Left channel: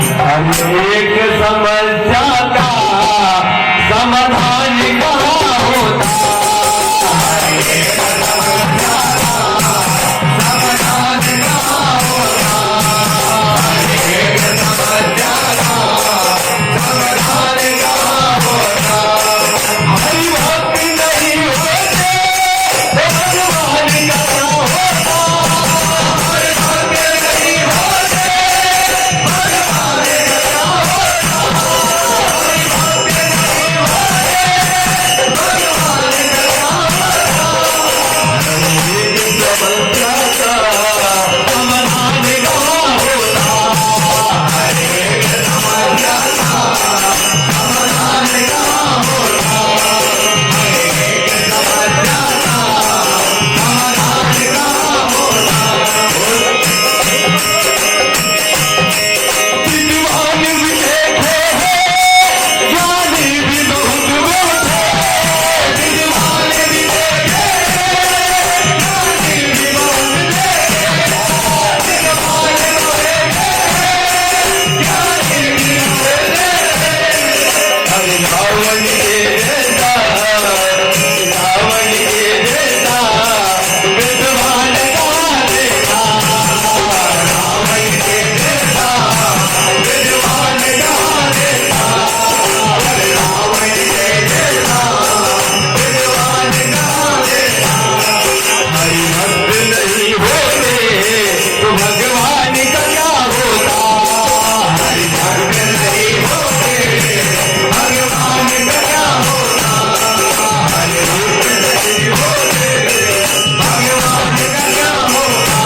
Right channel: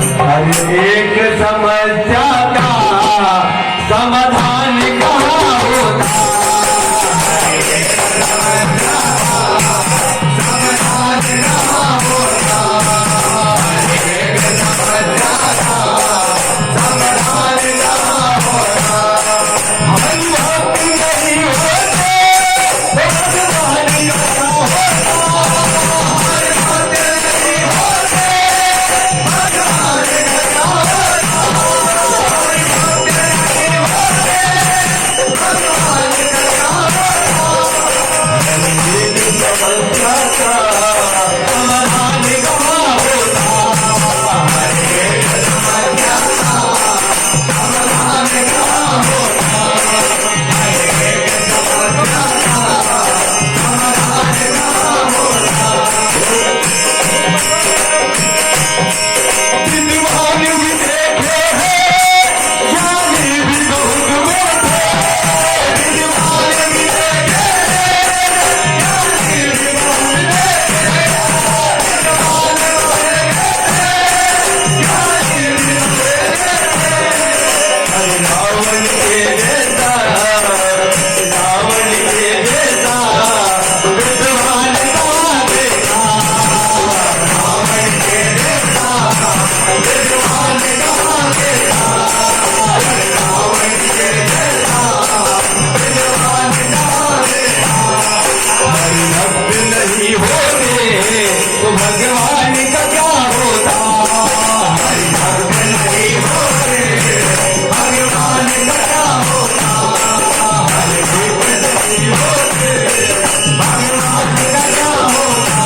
हर एक समस्या का समाधान कहाँ होता, हर एक समस्या का समाधान कहाँ होता, हर एक समस्या का समाधान कहाँ होता। हमारी भक्ति नहीं होते तो भगवान कहाँ होता, हमारे भक्ति नहीं होते भगवान कहाँ होता, हमारी भक्ति नहीं होते भगवान कहाँ होता। हर एक समस्या का समाधान कहाँ होता, हर एक समस्या का समाधान कहाँ होता, हर एक समस्या का समाधान कहाँ होता। विद्वान भी देखो है, ज्ञानी भी बहुत बोलते, विद्वान भी देखे हैं, ज्ञानी भी बहुत देखे, विद्वान भी देखे हैं, ज्ञानी भी बहुत देखे। हर रावण के जैसा, रावण के जैसा विद्वान कहाँ देखा, रावण के जैसा विद्वान कहाँ देखा, रावण के जैसा विद्वान कहाँ देखा। हरि भक्त नहीं होते तो भगवान कहाँ होता, हरि भक्त नहीं होते भगवान कहाँ होता, हरि भक्त नहीं होते भगवान कहाँ होता।